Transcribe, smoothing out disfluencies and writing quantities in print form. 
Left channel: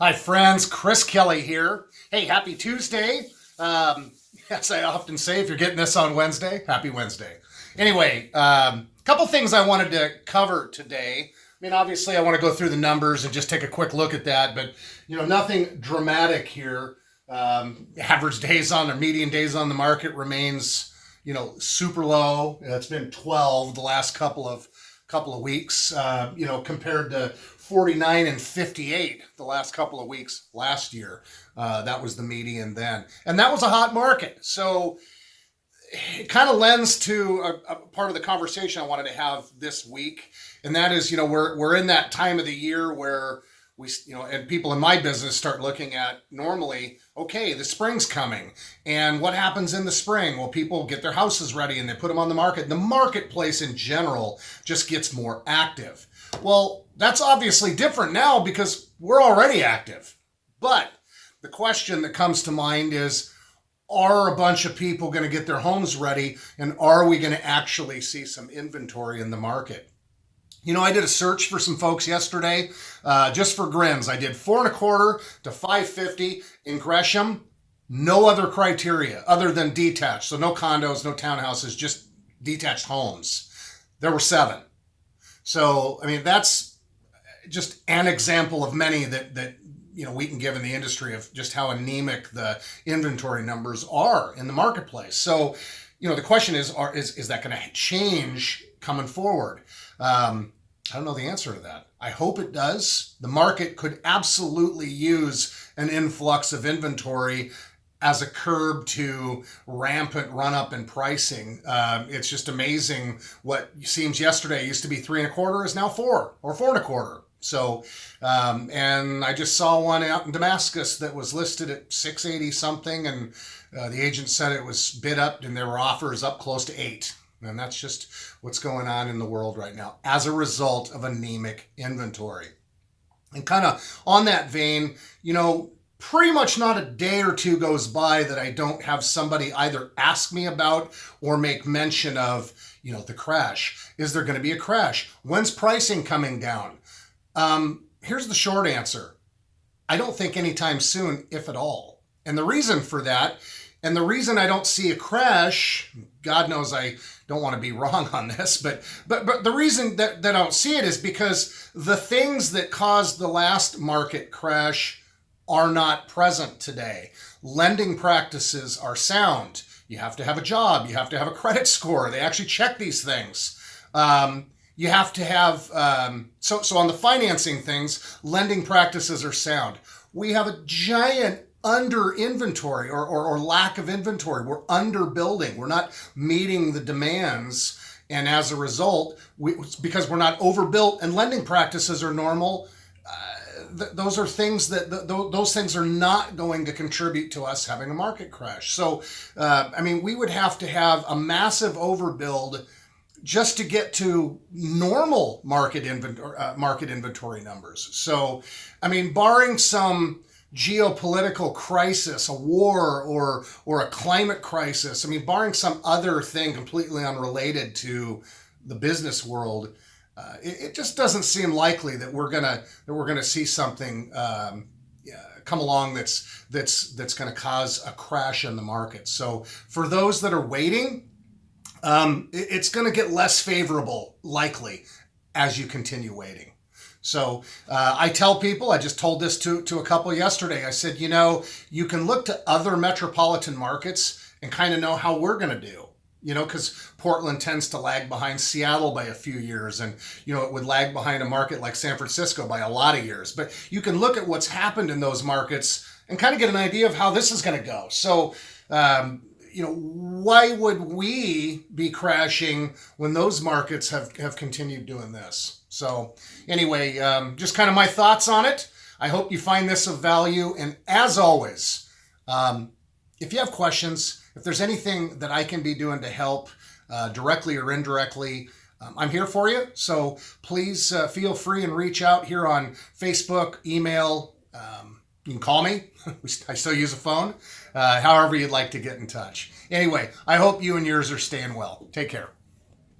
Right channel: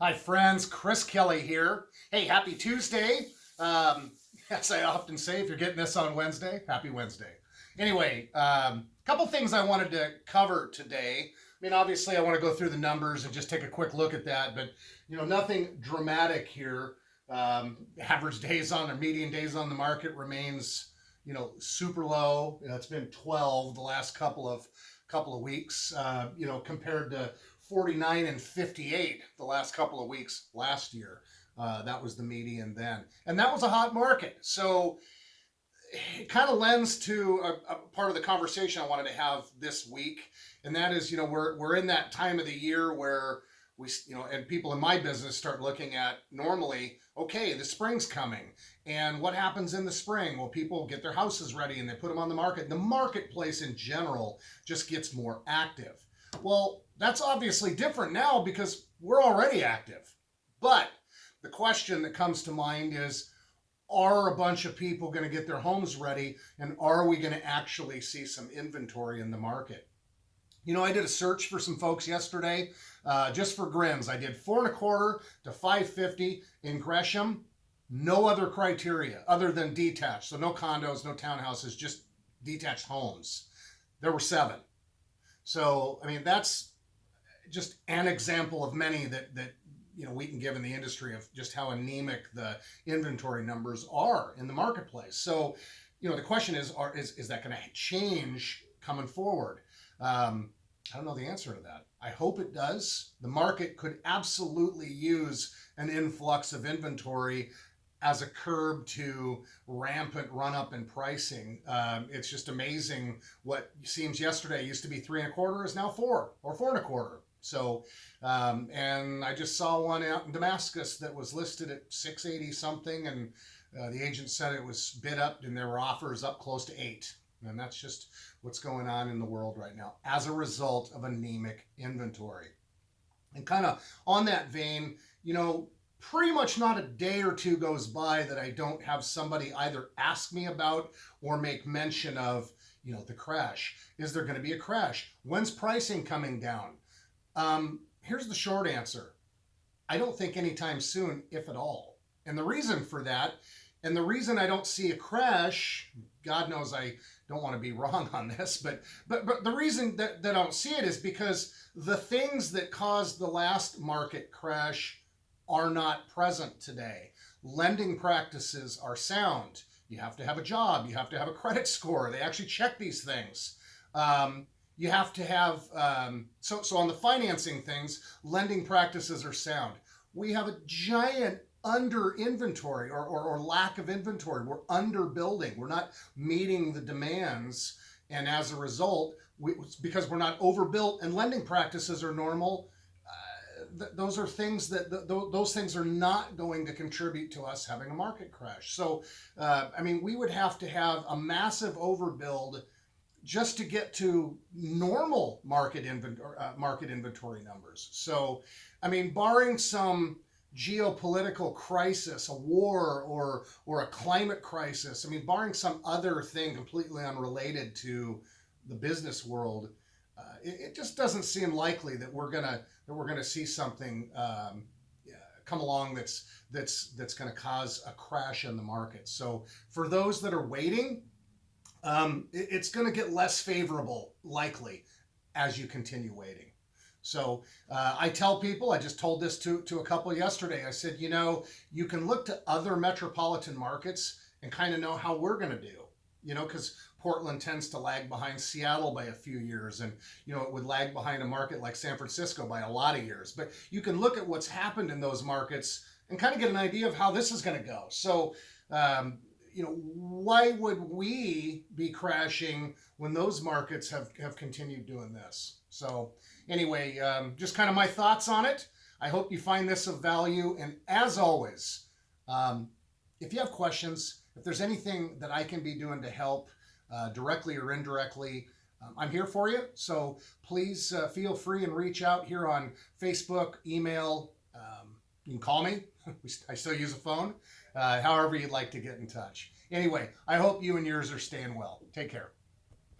Hi, friends. Chris Kelly here. Hey, happy Tuesday. As I often say, if you're getting this on Wednesday, happy Wednesday. Anyway, couple things I wanted to cover today. I mean, obviously, I want to go through the numbers and just take a quick look at that, but nothing dramatic here. Average days on or median days on the market remains, super low. It's been 12 the last couple of weeks, compared to 49 and 58 the last couple of weeks last year. That was the median then. And that was a hot market. So it kind of lends to a part of the conversation I wanted to have this week. And that is, we're in that time of the year where and people in my business start looking at normally, okay, the spring's coming. And what happens in the spring? Well, people get their houses ready and they put them on the market. The marketplace in general just gets more active. Well, that's obviously different now because we're already active. But the question that comes to mind is, are a bunch of people going to get their homes ready, and are we going to actually see some inventory in the market? I did a search for some folks yesterday, just for grins. I did 4.25 to 550 in Gresham. No other criteria other than detached. So no condos, no townhouses, just detached homes. There were 7. So, I mean, that's just an example of many that we can give in the industry of just how anemic the inventory numbers are in the marketplace. So, the question is that going to change coming forward? I don't know the answer to that. I hope it does. The market could absolutely use an influx of inventory as a curb to rampant run up in pricing. It's just amazing what seems yesterday used to be 3.25 is now 4 or 4.25. So, and I just saw one out in Damascus that was listed at 680 something, and the agent said it was bid up, and there were offers up close to 8. And that's just what's going on in the world right now as a result of anemic inventory. And kind of on that vein, pretty much not a day or two goes by that I don't have somebody either ask me about or make mention of, the crash. Is there going to be a crash? When's pricing coming down? Here's the short answer. I don't think anytime soon, if at all. And the reason for that, and the reason I don't see a crash, God knows I don't want to be wrong on this, but the reason that I don't see it is because the things that caused the last market crash are not present today. Lending practices are sound. You have to have a job. You have to have a credit score. They actually check these things. You have to have, so on the financing things, lending practices are sound. We have a giant under inventory or lack of inventory. We're under building. We're not meeting the demands. And as a result, because we're not overbuilt and lending practices are normal, those are things those things are not going to contribute to us having a market crash. So, we would have to have a massive overbuild just to get to normal market inventory numbers. So, barring some geopolitical crisis, a war or a climate crisis, barring some other thing completely unrelated to the business world, it just doesn't seem likely that we're gonna see something come along that's gonna cause a crash in the market. So for those that are waiting, it's going to get less favorable, likely, as you continue waiting. So I tell people, I just told this to a couple yesterday, I said, you can look to other metropolitan markets and kind of know how we're going to do. Because Portland tends to lag behind Seattle by a few years, and it would lag behind a market like San Francisco by a lot of years. But you can look at what's happened in those markets and kind of get an idea of how this is going to go. So, why would we be crashing when those markets have continued doing this? So anyway, just kind of my thoughts on it. I hope you find this of value. And as always, if you have questions, if there's anything that I can be doing to help directly or indirectly, I'm here for you. So please feel free and reach out here on Facebook, email. You can call me. I still use a phone. However you'd like to get in touch. Anyway, I hope you and yours are staying well. Take care.